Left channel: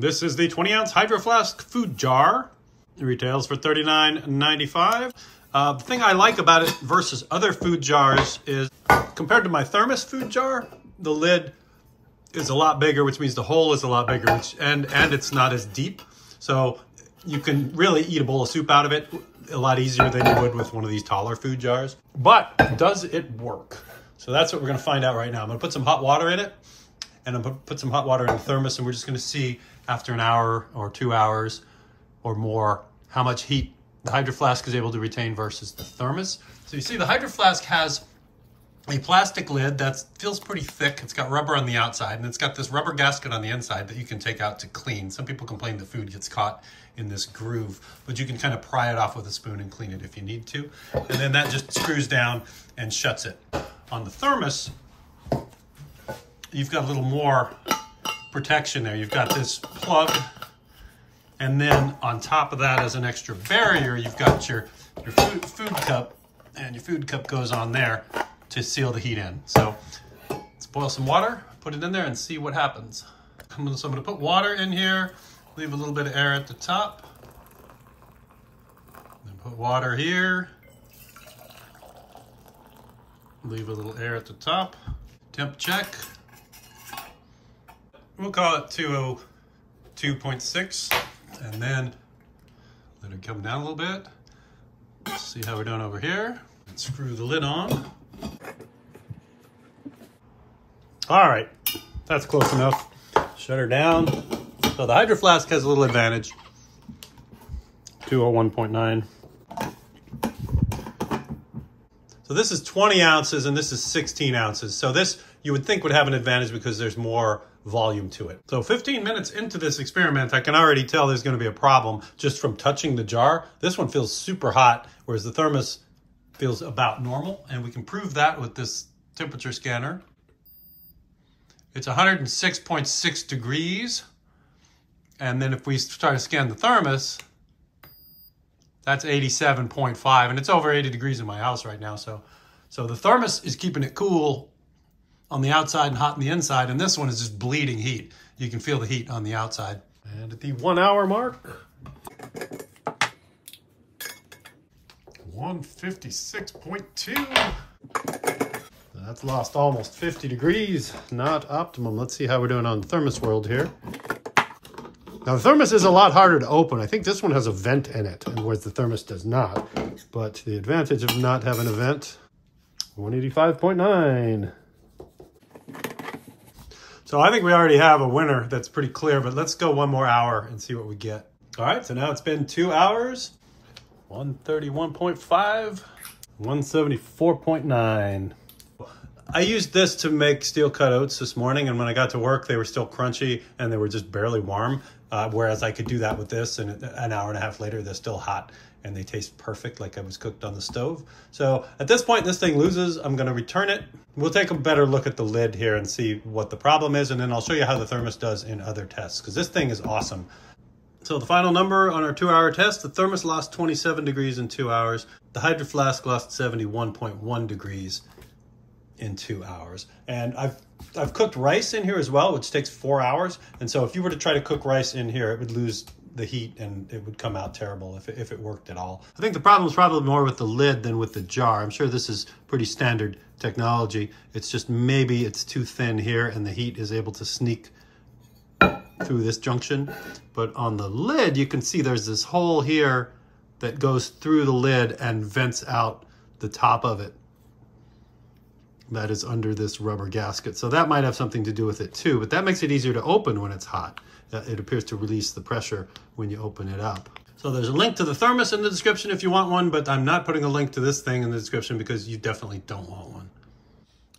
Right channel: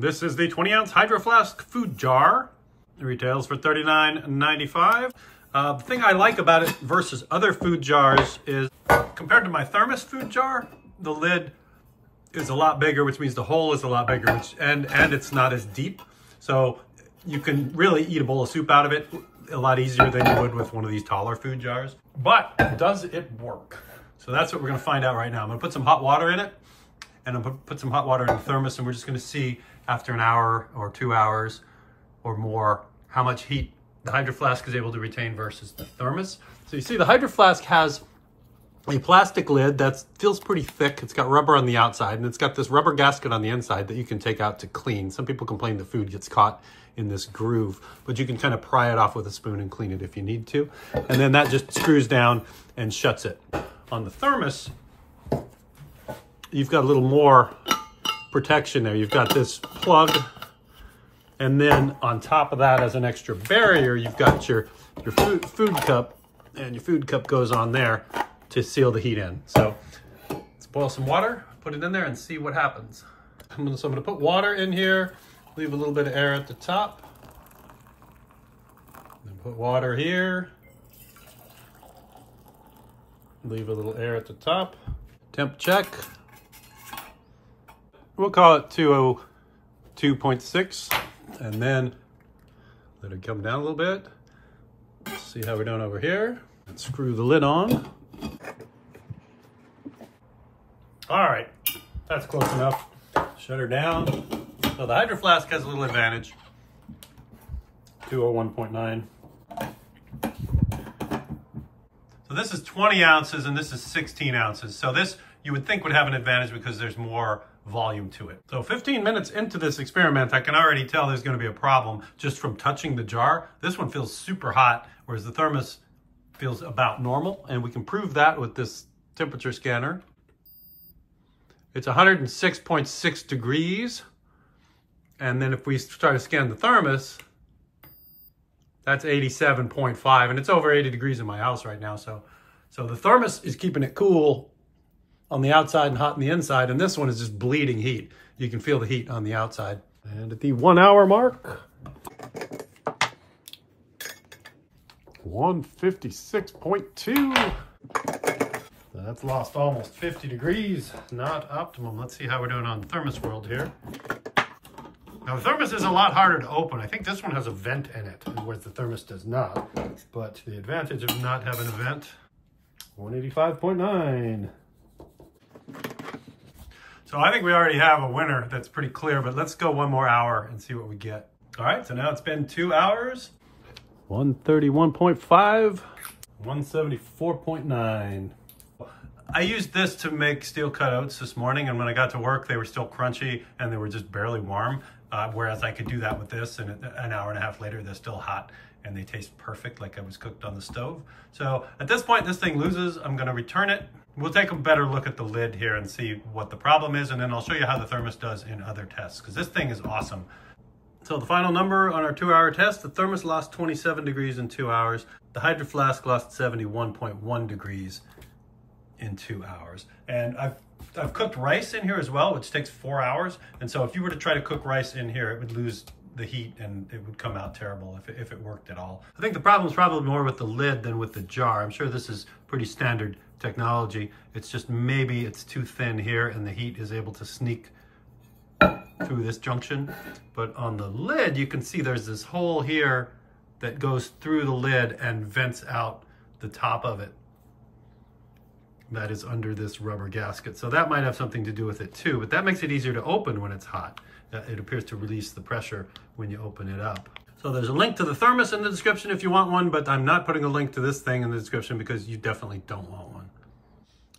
This is the 20-ounce Hydro Flask food jar. It retails for $39.95. The thing I like about it versus other food jars is, compared to my Thermos food jar, the lid is a lot bigger, which means the hole is a lot bigger, and it's not as deep. So you can really eat a bowl of soup out of it a lot easier than you would with one of these taller food jars. But does it work? So that's what we're gonna find out right now. I'm gonna put some hot water in it, and I'm gonna put some hot water in the thermos, and we're just gonna see after an hour or 2 hours or more how much heat the Hydro Flask is able to retain versus the thermos. So you see the Hydro Flask has a plastic lid that feels pretty thick. It's got rubber on the outside, and it's got this rubber gasket on the inside that you can take out to clean. Some people complain the food gets caught in this groove, but you can kind of pry it off with a spoon and clean it if you need to. And then that just screws down and shuts it. On the thermos, you've got a little more protection there. You've got this plug, and then on top of that, as an extra barrier, you've got your food cup, and your food cup goes on there to seal the heat in. So let's boil some water, put it in there, and see what happens. So I'm gonna put water in here, leave a little bit of air at the top, then put water here, leave a little air at the top. Temp check. We'll call it 202.6, and then let it come down a little bit. Let's see how we're doing over here. And screw the lid on. All right, that's close enough. Shut her down. So the Hydro Flask has a little advantage. 201.9. So this is 20 ounces and this is 16 ounces. So this you would think would have an advantage because there's more volume to it. So 15 minutes into this experiment, I can already tell there's going to be a problem just from touching the jar. This one feels super hot, whereas the thermos feels about normal. And we can prove that with this temperature scanner. It's 106.6 degrees. And then if we try to scan the thermos, that's 87.5, and it's over 80 degrees in my house right now. So the thermos is keeping it cool on the outside and hot on the inside, and this one is just bleeding heat. You can feel the heat on the outside. And at the 1 hour mark, 156.2. That's lost almost 50 degrees, not optimum. Let's see how we're doing on Thermos World here. Now the thermos is a lot harder to open. I think this one has a vent in it, whereas the thermos does not. But the advantage of not having a vent, 185.9. So I think we already have a winner that's pretty clear, but let's go one more hour and see what we get. All right, so now it's been 2 hours, 131.5, 174.9. I used this to make steel cut oats this morning, and when I got to work, they were still crunchy and they were just barely warm. Whereas I could do that with this, and an hour and a half later, they're still hot and they taste perfect like I was cooked on the stove. So at this point, this thing loses. I'm gonna return it. We'll take a better look at the lid here and see what the problem is, and then I'll show you how the thermos does in other tests, because this thing is awesome. So the final number on our 2 hour test, the thermos lost 27 degrees in 2 hours. The Hydro Flask lost 71.1 degrees in 2 hours. And I've cooked rice in here as well, which takes 4 hours. And so if you were to try to cook rice in here, it would lose the heat and it would come out terrible if it worked at all. I think the problem is probably more with the lid than with the jar. I'm sure this is pretty standard technology. It's just maybe it's too thin here and the heat is able to sneak through this junction. But on the lid, you can see there's this hole here that goes through the lid and vents out the top of it. That is under this rubber gasket. So that might have something to do with it too, but that makes it easier to open when it's hot. It appears to release the pressure when you open it up. So there's a link to the thermos in the description if you want one, but I'm not putting a link to this thing in the description because you definitely don't want one.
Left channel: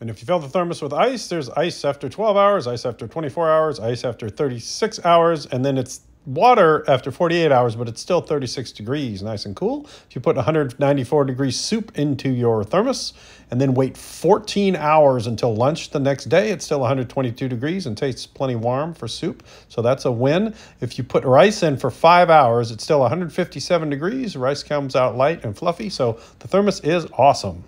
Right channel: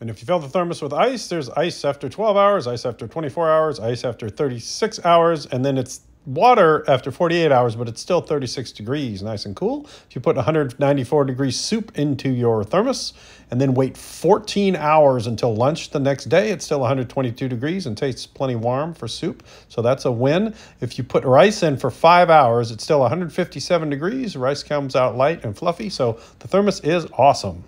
And if you fill the thermos with ice, there's ice after 12 hours, ice after 24 hours, ice after 36 hours, and then it's water after 48 hours, but it's still 36 degrees, nice and cool. If you put 194 degree soup into your thermos and then wait 14 hours until lunch the next day, it's still 122 degrees and tastes plenty warm for soup. So that's a win. If you put rice in for 5 hours, it's still 157 degrees. Rice comes out light and fluffy. So the thermos is awesome.